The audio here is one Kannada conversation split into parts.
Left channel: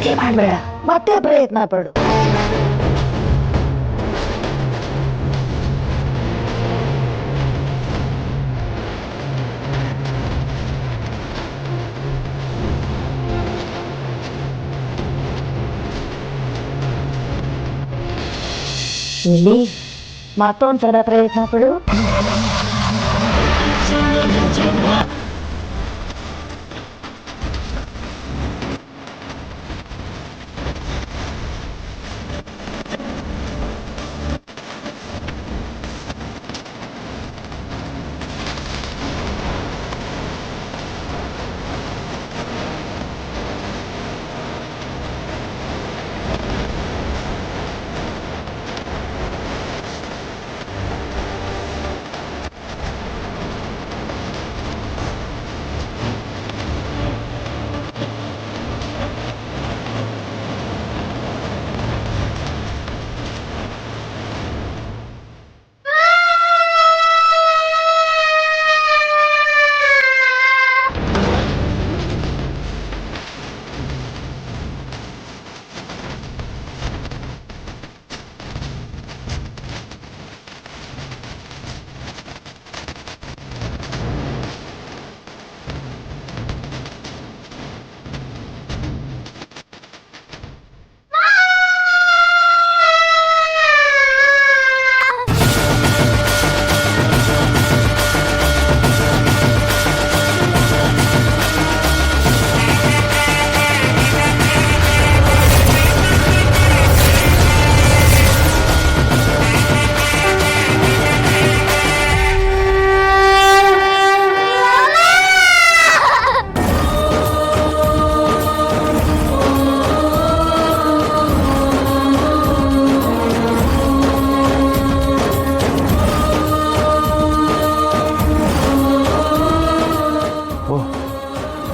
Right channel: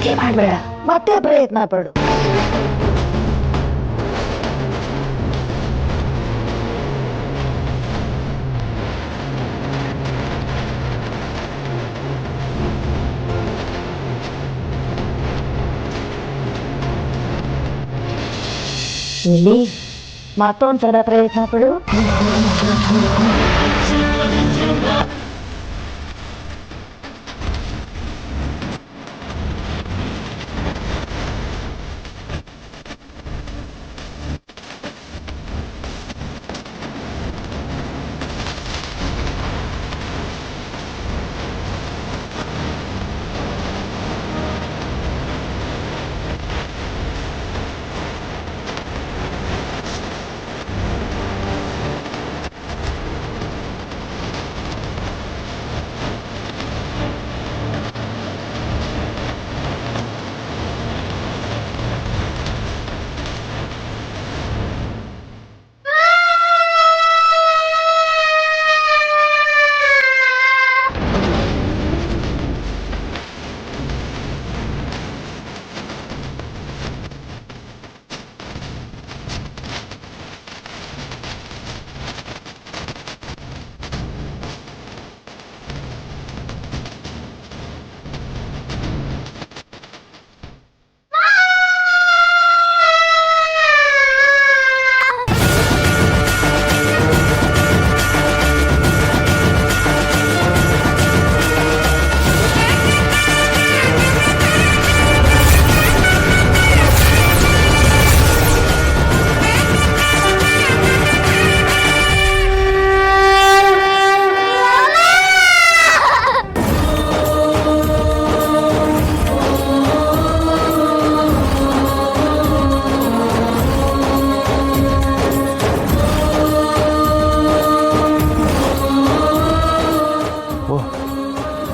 ನಾಚಿಕೆ ಮಾಡಬೇಡ, ಮತ್ತೆ ಪ್ರಯತ್ನ ಪಡು. ಇಲ್ಲಿ ಮತ್ತೊಂದ್ಸಲ ಪ್ರಯತ್ನ ಪಡು.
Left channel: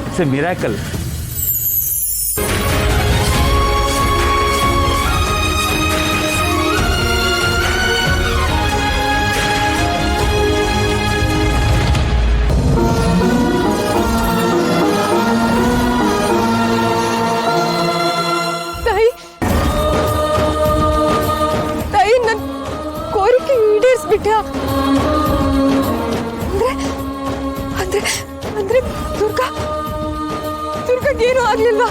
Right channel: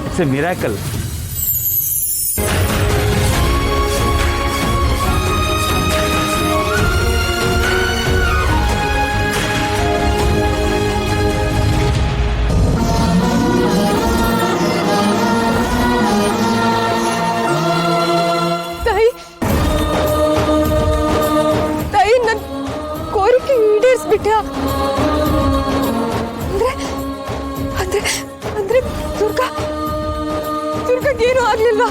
It's a miracle. ತಾಯಿ ನನ್ನ ಕೋರಿಕೆ ಈಡೇರಿಸ್ಬಿಟ್ಯಾ? ಅಂದ್ರೆ ಅಂದ್ರೆ ದುರ್ಗಕ್ಕೇನು ಆಗ್ಲಿಲ್ಲ?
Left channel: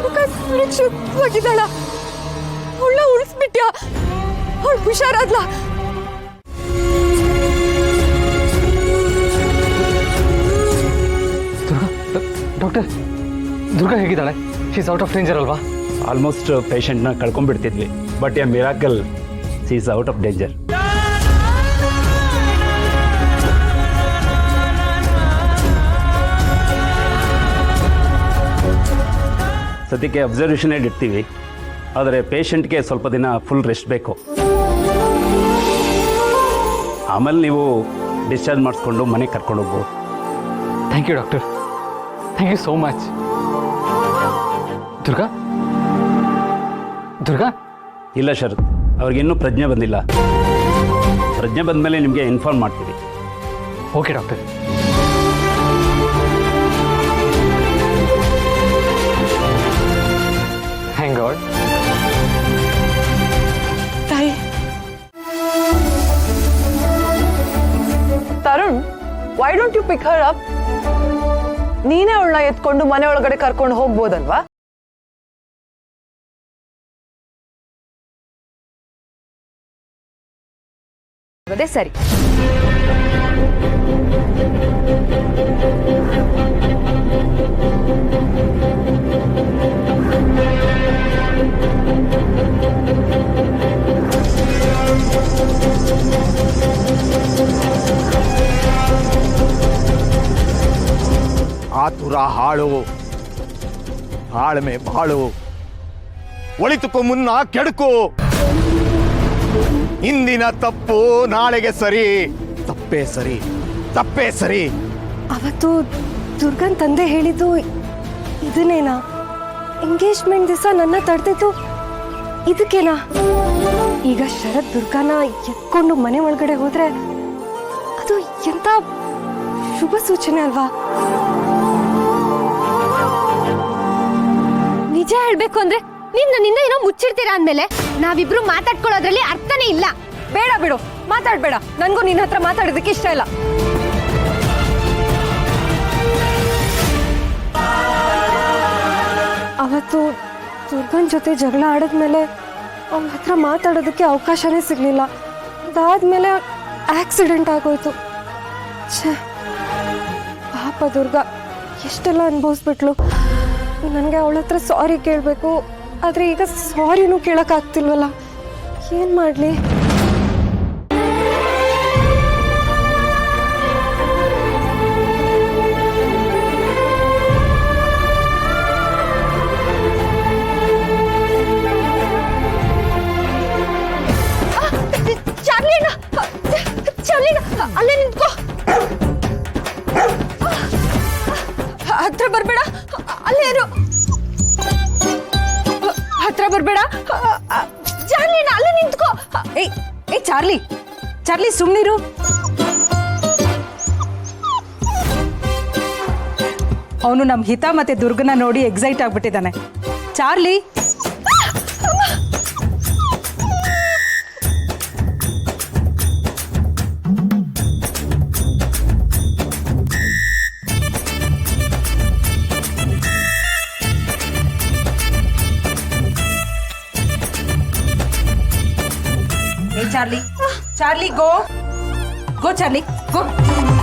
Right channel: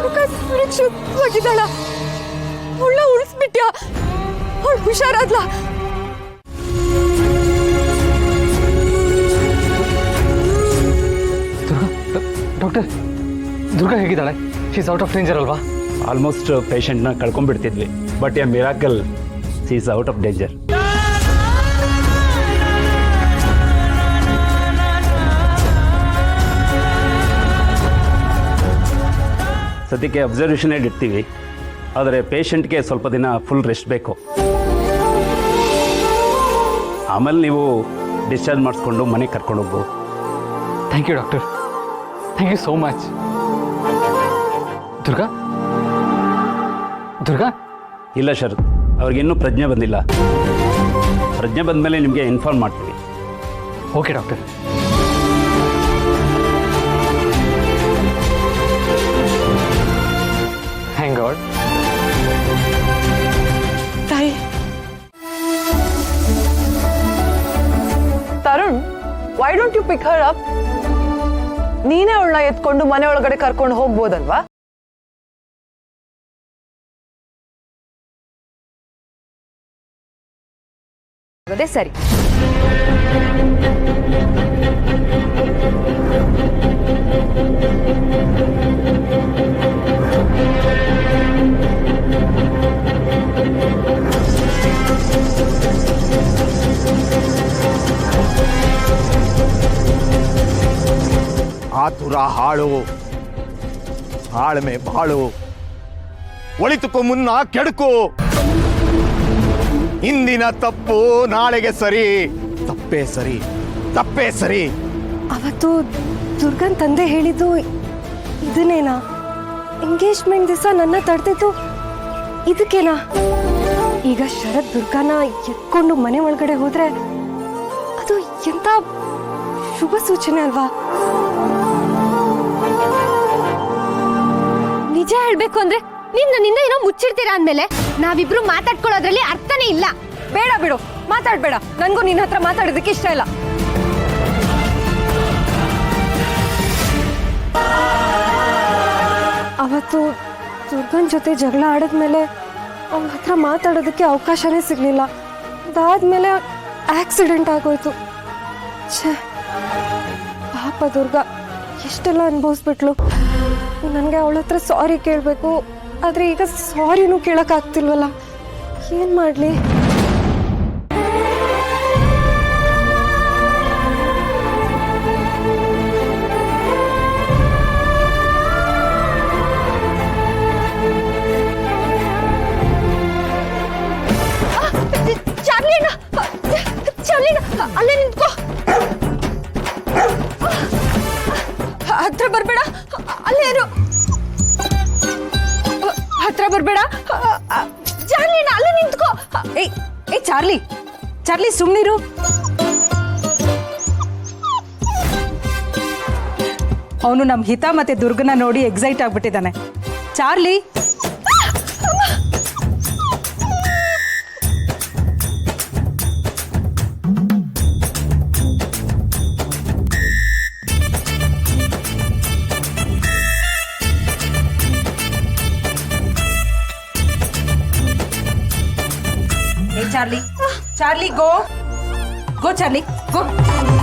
ದುರ್ಗ ಸುರಕ್ಷಿತವಾಗಿದ್ದಾಳ? ಅವಳ ಉಳಿಸ್ಬಿಟ್ಯಾ? ಅವಳು ಹುಷಾರಾದ್ಲ? ಡಾಕ್ಟರ್, ದುರ್ಗಾ ಹೇಗಿದ್ದಾಳೆ? ಶೀಸ್ ಔಟ್ ಆಫ್ ಡೇಂಜರ್ ಅಲ್ವಾ? ಆಲ್ಮೋಸ್ಟ್ ಪೇಷಂಟ್ನ ಕಳ್ಕೊಂಡ್ಬಿಡ್ತಿದ್ವಿ, but a miracle, she is out of danger. ಸದ್ಯಕ್ಕೆ ಅಬ್ಸರ್ವೇಷನ್ ಇಡ್ತೀವಿ, ಆದರೆ ಪೇಷಂಟ್ಗೆ ಸ್ವಲ್ಪ ದಿನ ಫುಲ್ ರೆಸ್ಟ್ ಬೇಕು. ಆಮೇಲೆ ನೀವು ಡಿಸ್ಚಾರ್ಜ್ ಮಾಡಿಸ್ಕೊಂಡು ಮನೆಗೆ ಕರ್ಕೊಂಡು ಹೋಗ್ಬೋದು. Thank you doctor, thank you so much. Durga ಇಲ್ಲ ಶರತ್, ಅವ್ರಿಗಿನ್ನೂ ಪ್ರಜ್ಞೆ ಬಂದಿಲ್ಲ. ಪ್ರಜ್ಞೆ ಬಂದ ಮೇಲೆ ನಿಮಗೆ ಇನ್ಫಾರ್ಮ್ ಮಾಡ್ತೀವಿ. Okay doctor. Thank God. ತಾಯಿ, Tarun, why don't you pick her up? ನೀನೇ ಅವಳನ್ನ ಎತ್ಕೊಂಡು ಮನೆ ಒಳಗಡೆ ಕರ್ಕೊಂಡು ಹೋಗ್ಬೋದಲ್ವಾ? ಅದೇ ಸರಿ. ಆತುರ ಹಾಳು, ತಾಳ್ಮೆ ಬಾಳು, ಒಳಿತಕ್ಕೂ ಮುನ್ನ ಕೆಡುಕು. ಇಂದಿನ ತಪ್ಪು ನಾಳೆಗೆ ಸರಿ, ತಪ್ಪೇ ಸರಿ, ತಪ್ಪೇ ಸರಿ. ಅವತ್ತು ದುರ್ಗನ್ ತಂದೆ ಹೇಳಿದ್ದು ಇದನ್ನೇನಾ? ಎಂಗೇಜ್ಮೆಂಟ್ ದಿವಸ ನನ್ನ ತಡೆದಿದ್ದು ಇದಕ್ಕೇನಾ? ಈಗ ಶರತ್ ದುರ್ಗಾನ ಎತ್ಕೊಂಡು ಮನೆ ಒಳಗಡೆ ಹೋದ್ರೆ ಅದು ಎಂತ ಶುಭ ಸೂಚನೆ ಅಲ್ವಾ? ನಿಜ ಹೇಳ್ಬೇಕು ಅಂದ್ರೆ ನೀನ್ ನನ್ನಿಂದ ಏನೋ ಮುಚ್ಚಿಡ್ತೀರಾ ಅಂದ್ಮೇಲೆ ನಾವಿಬ್ರು ಮಾತಾಡ್ಕೊಳ್ಳೋದ್ರಲ್ಲಿ ಅರ್ಥನೇ ಇಲ್ಲ. ಬೇಡ ಬಿಡು, ಮಾತಾಡ್ಬೇಡ. ನನ್ಗೂ ನಿನ್ನ ಹತ್ರ ಮಾತಾಡೋದಕ್ಕೆ ಇಷ್ಟ ಇಲ್ಲ. ಅವತ್ತು ದುರ್ಗನ್ ಜೊತೆ ಜಗಳ ಆಡಿದ್ಮೇಲೆ ಅವಳ ಹತ್ರ ಮಾತಾಡೋದಕ್ಕೆ ಅವಕಾಶನೇ ಸಿಗ್ಲಿಲ್ಲ. ಅದಾದ್ಮೇಲೆ ಆಕ್ಸಿಡೆಂಟ್ ಆಗೋಯ್ತು. ಛೇ, ಪಾಪ ದುರ್ಗಾ ಎಷ್ಟೆಲ್ಲ ಅನುಭವಿಸ್ಬಿಟ್ಲು. ನನಗೆ ಅವಳ ಹತ್ರ ಸಾರಿ ಕೇಳಬೇಕು, ಆದರೆ ಈಗ ಸಾರಿನೂ ಕೇಳೋಕ್ಕಾಗ್ತಿಲ್ವಲ್ಲ. ಏನು ಮಾಡಲಿ? ಚಾರ್ಲಿನ ಅಲ್ಲೇ ನಿಂತ್ಕೋ. ಹತ್ರ ಬರ್ಬೇಡ, ಅಲ್ಲೇ ಇರು. ಹತ್ರ ಬರ್ಬೇಡ ಚಾರ್ಲಿನ, ಅಲ್ಲೇ ನಿಂತ್ಕೋ. ಏಯ್ ಚಾರ್ಲಿ, ಚಾರ್ಲಿ ಸುಮ್ನಿರು. ಅವನು ನಮ್ ಹಿತ ಮತ್ತೆ ದುರ್ಗನ ನೋಡಿ ಎಕ್ಸೈಟ್ ಆಗ್ಬಿಟ್ಟಿದ್ದಾನೆ. Charlie, Charlie, go. Go, Charlie, go.